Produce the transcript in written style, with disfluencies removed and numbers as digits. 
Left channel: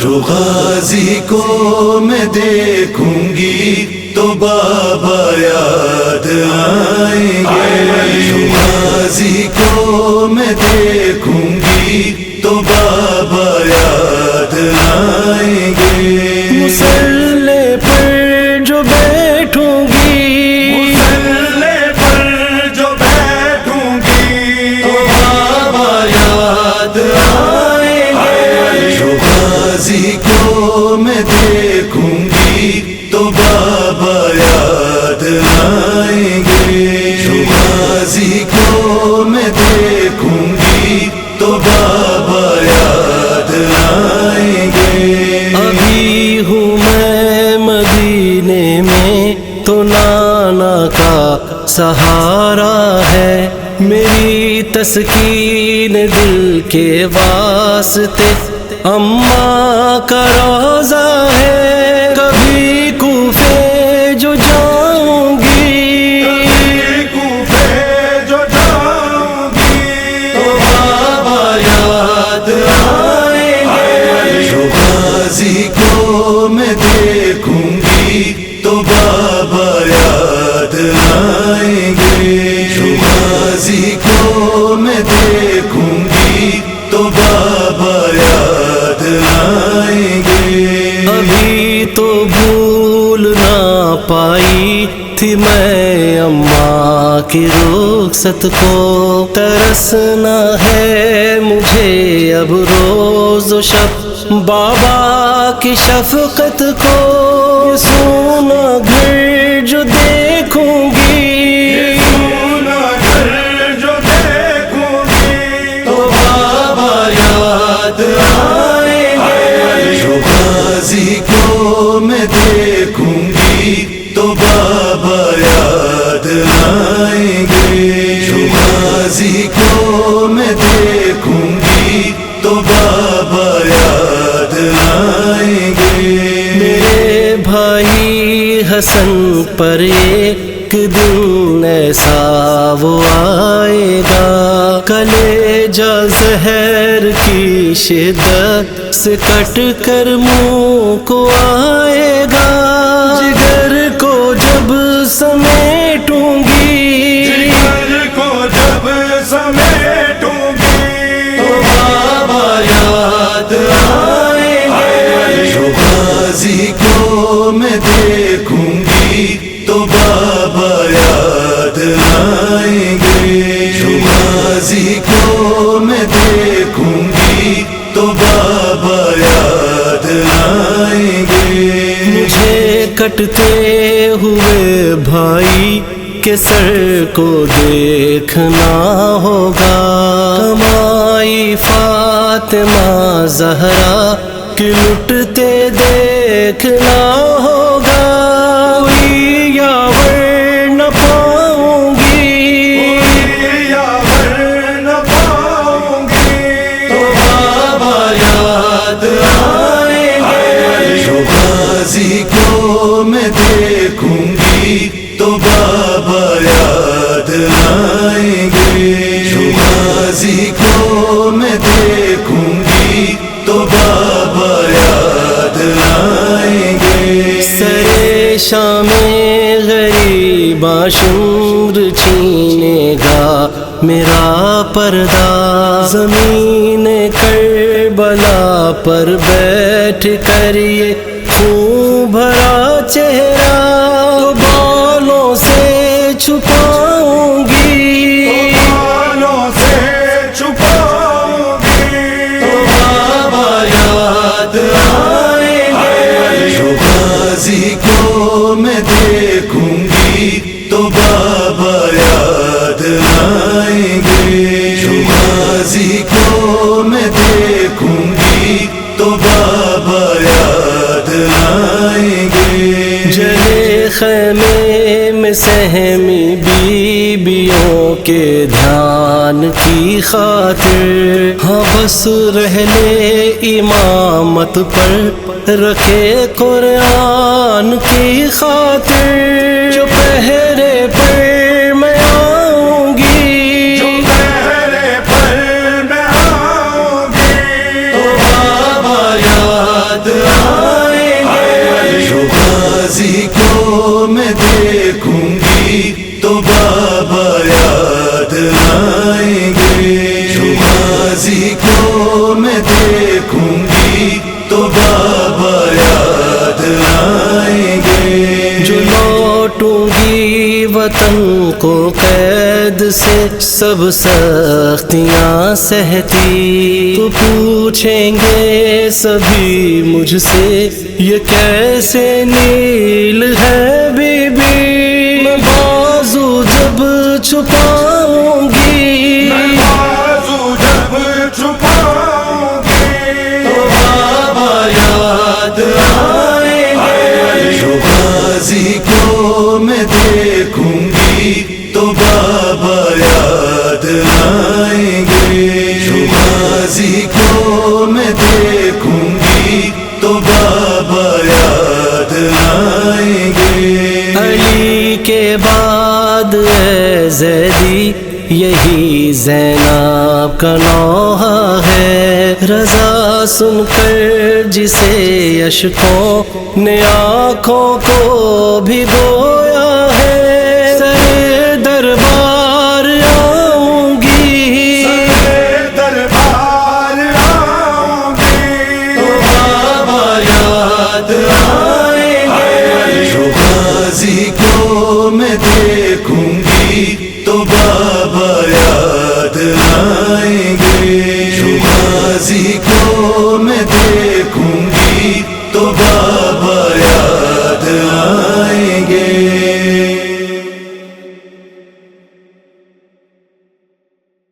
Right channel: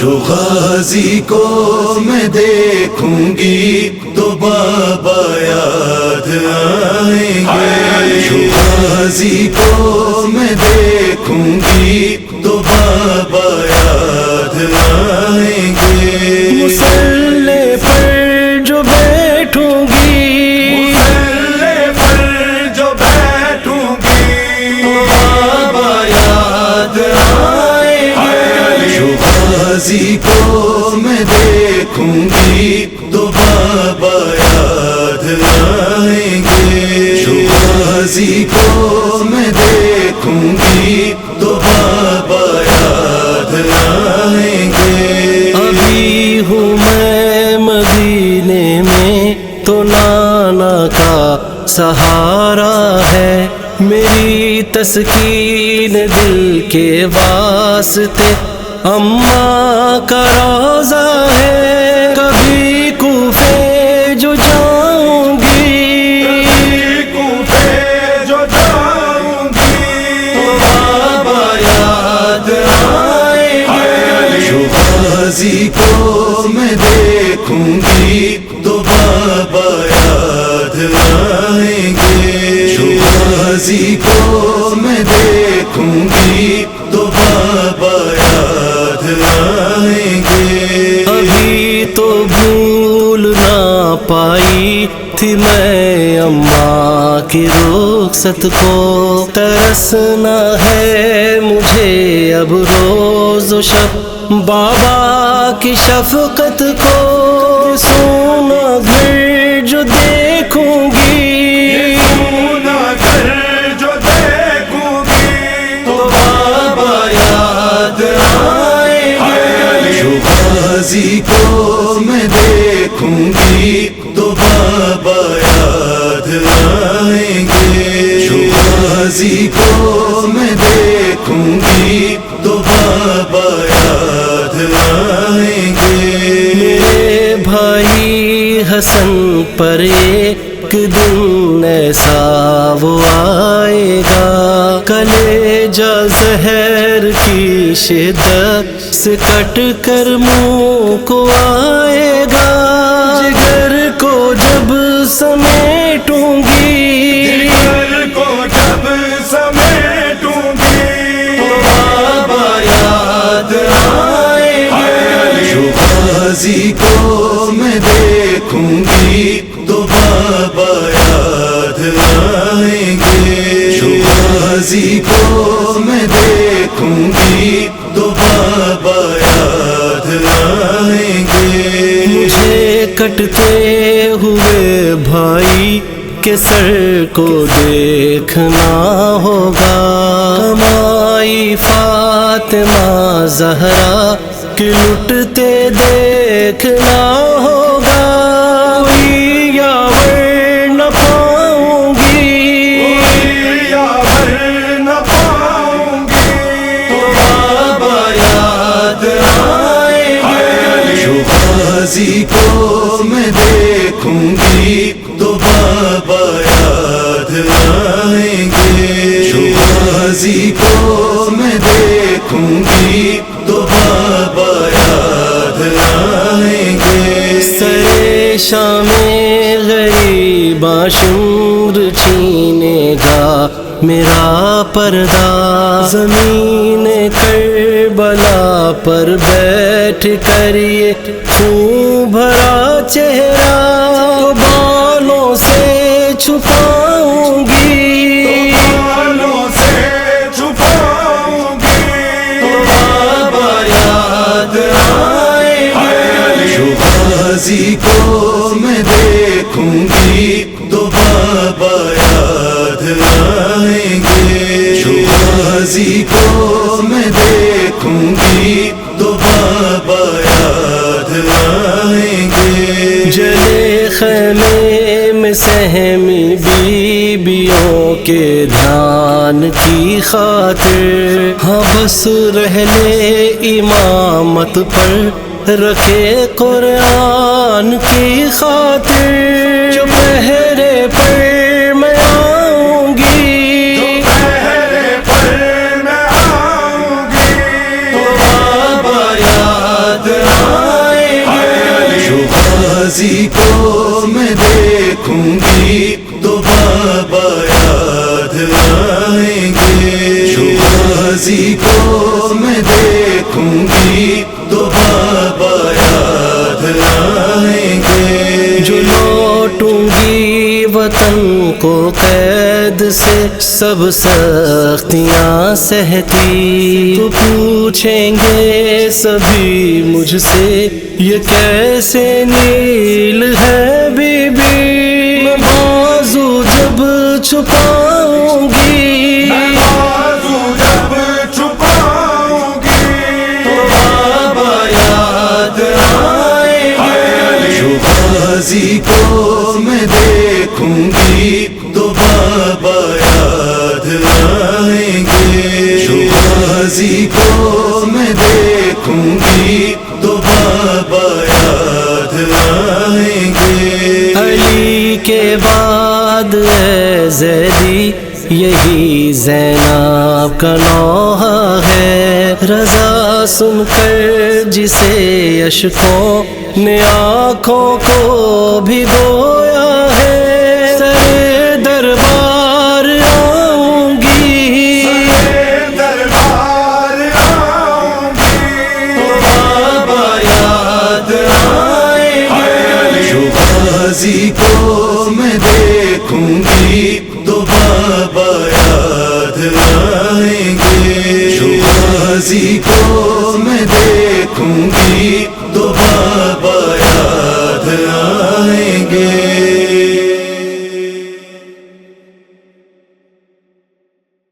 جو غازی کو میں دیکھوں گی تو بابا یاد آئیں گے. جو غازی کو میں دیکھوں گی تو بابا یاد آئیں گے. مصلی پر جو بیٹھوں گی، مصلی پر جو بیٹھوں گی تو بابا یاد آئیں گے. جو غازی کو میں دیکھوں گی تو بابا یاد آئیں گے. جو غازی کو میں دیکھوں گی تو بابا یاد آئیں گے. ابھی ہوں میں مدینے میں تو نانا کا سہارا ہے، میری تسکین دل کے واسطے اماں کا روضہ ہے. کبھی کوفے جو جاؤں گی، کوفے جو جاؤں گی تو بابا یاد آئیں گے. جو غازی کو میں دیکھوں گی تو بابا یاد آئیں گے. جو غازی کو میں دیکھوں گی تو بابا یاد آئیں گے. ابھی تو بھول نہ پائی تھی میں اماں کی رخصت کو، ترسنا ہے مجھے اب روز و شب بابا کی شفقت کو. یہ سونا گھر جو دیکھوں گی، سونا گھر جو دیکھوں گی تو بابا یاد آئیں گے. جو غازی کو میں دیکھوں گی تو بابا یاد آئیں گے. جو غازی کو میں دیکھوں گی تو بابا یاد آئیں گے. میرے بھائی حسن پر ایک دن ایسا وہ آئے گا، کلیجہ زہر کی شدت سے کٹ کر منہ کو آئے گا. جگر کو جب سمیٹوں گی، جگر کو جب سمیٹوں گی تو بابا یاد آئیں گے. جو غازی کو میں دیکھوں گی تو بابا یاد آئیں گے. جو غازی کو میں دیکھوں گی تو بابا یاد آئیں گے. مجھے کٹتے ہوئے بھائی کے سر کو دیکھنا ہوگا، کمائی فاطمہ زہرا کی لٹتے دیکھنا ہوگا. کوئی یاور نہ پاؤں گی، یاور نہ پاؤں گی تو بابا یاد آئیں گے. جو غازی کو میں دیکھوں گی تو بابا یاد آئیں گے. جو غازی کو میں دیکھوں گی تو بابا یاد آئیں گے. سرے شام غریباں شمر چھینے گا میرا پردہ، زمین کربلا پر بیٹھ کر یہ خون بھرا چہرہ تو بالوں سے چھپاؤں گی، بالوں سے چھپاؤں گی تو بابا یاد آئیں گے. جو غازی کو میں دیکھوں گی تو بابا یاد آئیں گے. جو غازی کو میں دیکھوں گی تو بابا یاد آئیں گے. جلے خیمے میں سہمی بیویوں کے دھیان کی خاطر، ہاں بس رہلے امامت پر رکھے قرآن کی خاطر. جو پہرے پر میں آؤں گی، پہرے پر میں آؤں گی تو بابا یاد دیکھوں گی تو بابا یاد آئیں گے. جو لوٹوں گی وطن کو قید سے سب سختیاں سہتی، تو پوچھیں گے سبھی مجھ سے یہ کیسے نیل ہے بی بی. میں بازو جب چھپاؤں گی، بازو جب چھپاؤں گی تو بابا یاد آئیں گے. جو غازی کو میں دیکھوں گی تو بابا یاد آئیں گے. جو غازی کو میں دیکھوں گی تو بابا یاد آئیں گے. علی کے بعد اے زیدی یہی زینب کا نوحہ ہے. رضا سن کر جسے اشکوں نے آنکھوں کو بھگویا ہے، سر دربار